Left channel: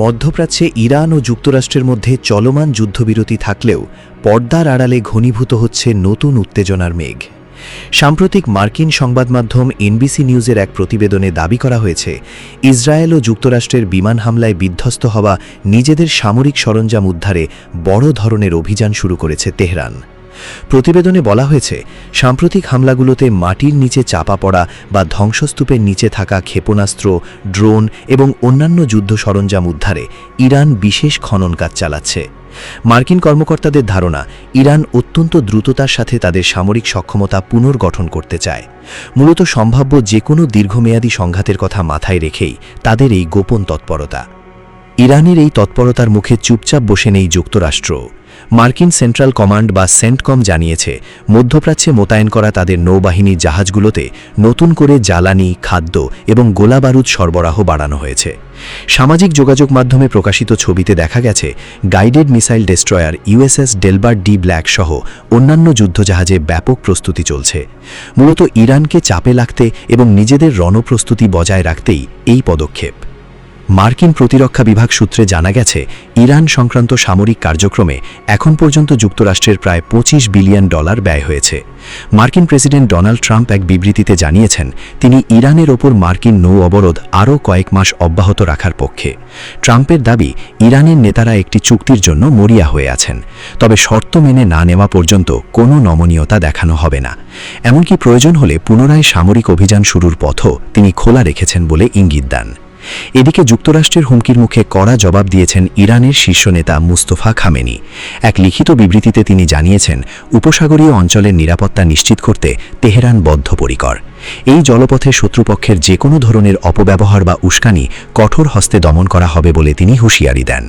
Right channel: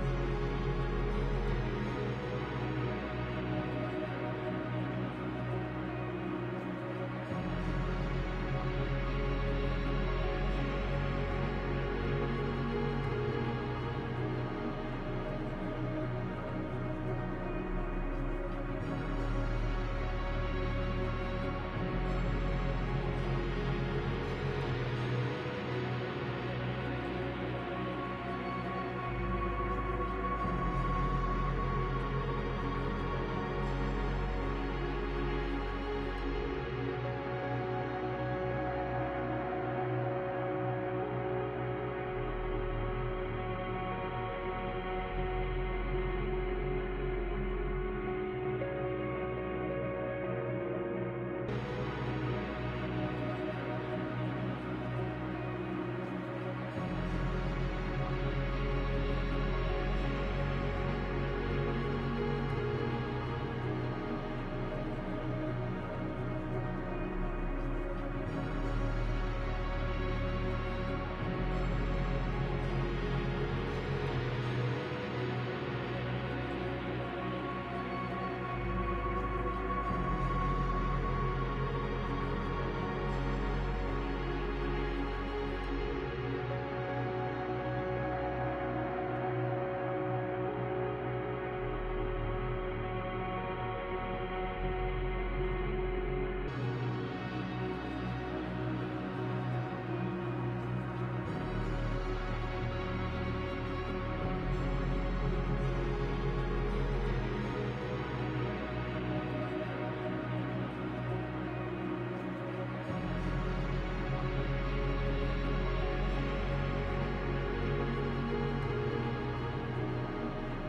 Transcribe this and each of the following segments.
মধ্যপ্রাচ্যে ইরান ও যুক্তরাষ্ট্রের মধ্যে চলমান যুদ্ধবিরতি থাকলেও পর্দার আড়ালে ঘনীভূত হচ্ছে নতুন উত্তেজনার মেঘ। সাম্প্রতিক মার্কিন সংবাদমাধ্যম এনবিসি নিউজের এক প্রতিবেদনে দাবি করা হয়েছে, ইসরায়েল ও যুক্তরাষ্ট্রের বিমান হামলায় বিধ্বস্ত হওয়া নিজেদের সামরিক সরঞ্জাম উদ্ধারে বড় ধরনের অভিযান শুরু করেছে তেহরান। প্রতিবেদনে বলা হয়েছে, সাম্প্রতিক হামলাগুলোতে মাটির নিচে চাপা পড়া বা ধ্বংসস্তূপের নিচে থাকা ক্ষেপণাস্ত্র, ড্রোন এবং অন্যান্য যুদ্ধ সরঞ্জাম উদ্ধারে ইরান বিশেষ খনন কাজ চালাচ্ছে। মার্কিন কর্মকর্তাদের ধারণা, ইরান অত্যন্ত দ্রুততার সাথে তাদের সামরিক সক্ষমতা পুনর্গঠন করতে চায়। মূলত সম্ভাব্য যে কোনো দীর্ঘমেয়াদী সংঘাতের কথা মাথায় রেখেই তাদের এই গোপন তৎপরতা। ইরানের এই তৎপরতার মুখে চুপচাপ বসে নেই যুক্তরাষ্ট্র। মার্কিন সেন্ট্রাল কমান্ড বা সেন্টকম জানিয়েছে, মধ্যপ্রাচ্যে মোতায়েন করা তাদের নৌবাহিনীর জাহাজগুলোতে নতুন করে জ্বালানি, খাদ্য এবং গোলাবারুদ সরবরাহ বাড়ানো হয়েছে। সামাজিক যোগাযোগ মাধ্যমে প্রকাশিত ছবিতে দেখা গেছে, guided missile destroyer USS Delbert D black সহ অন্যান্য যুদ্ধজাহাজে ব্যাপক প্রস্তুতি চলছে। মূলত ইরানকে চাপে রাখতে এবং নিজেদের রণপ্রস্তুতি বজায় রাখতেই এই পদক্ষেপ। মার্কিন প্রতিরক্ষা বিভাগ সূত্রে জানা গেছে, ইরান সংক্রান্ত সামরিক কার্যক্রমে এখন পর্যন্ত যুক্তরাষ্ট্রের প্রায় $25 বিলিয়ন ব্যয় হয়েছে। মার্কিন প্রেসিডেন্ট ডোনাল্ড ট্রাম্প এক বিবৃতিতে জানিয়েছেন, তিনি ইরানের ওপর মার্কিন নৌ অবরোধ আরও কয়েক মাস অব্যাহত রাখার পক্ষে। ট্রাম্পের দাবি, ইরানের নেতারা একটি চুক্তির জন্য মরিয়া হয়ে আছেন, তবে শর্ত মেনে না নেওয়া পর্যন্ত কোনো নমনীয়তা দেখানো হবে না। এমনকি প্রয়োজন হলে পুনরায় সামরিক অভিযান শুরুর পথও তিনি খোলা রেখেছেন বলে ইঙ্গিত দেন। এদিকে যুক্তরাষ্ট্রের হুমকির মুখে কড়া জবাব দিয়েছেন ইরানের শীর্ষ নেতা মুস্তফা খামেনি। এক লিখিত বিবৃতিতে তিনি জানিয়েছেন, উপসাগরীয় অঞ্চলের নিরাপত্তা নিশ্চিত করতে তেহরান বদ্ধপরিকর। এই জলপথে শত্রুপক্ষের যে কোনো ধরনের অপব্যবহার বা উস্কানি কঠোর হস্তে দমন করা হবে বলে তিনি হুঁশিয়ারি দেন।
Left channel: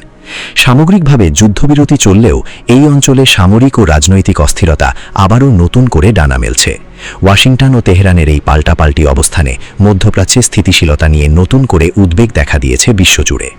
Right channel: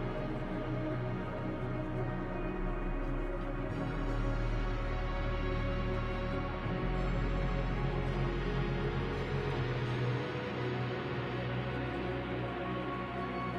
সামগ্রিকভাবে যুদ্ধবিরতি চললেও এই অঞ্চলে সামরিক ও রাজনৈতিক অস্থিরতা আবারও নতুন করে ডানা মেলছে। ওয়াশিংটন ও তেহরানের এই পাল্টাপাল্টি অবস্থানে মধ্যপ্রাচ্যে স্থিতিশীলতা নিয়ে নতুন করে উদ্বেগ দেখা দিয়েছে বিশ্বজুড়ে।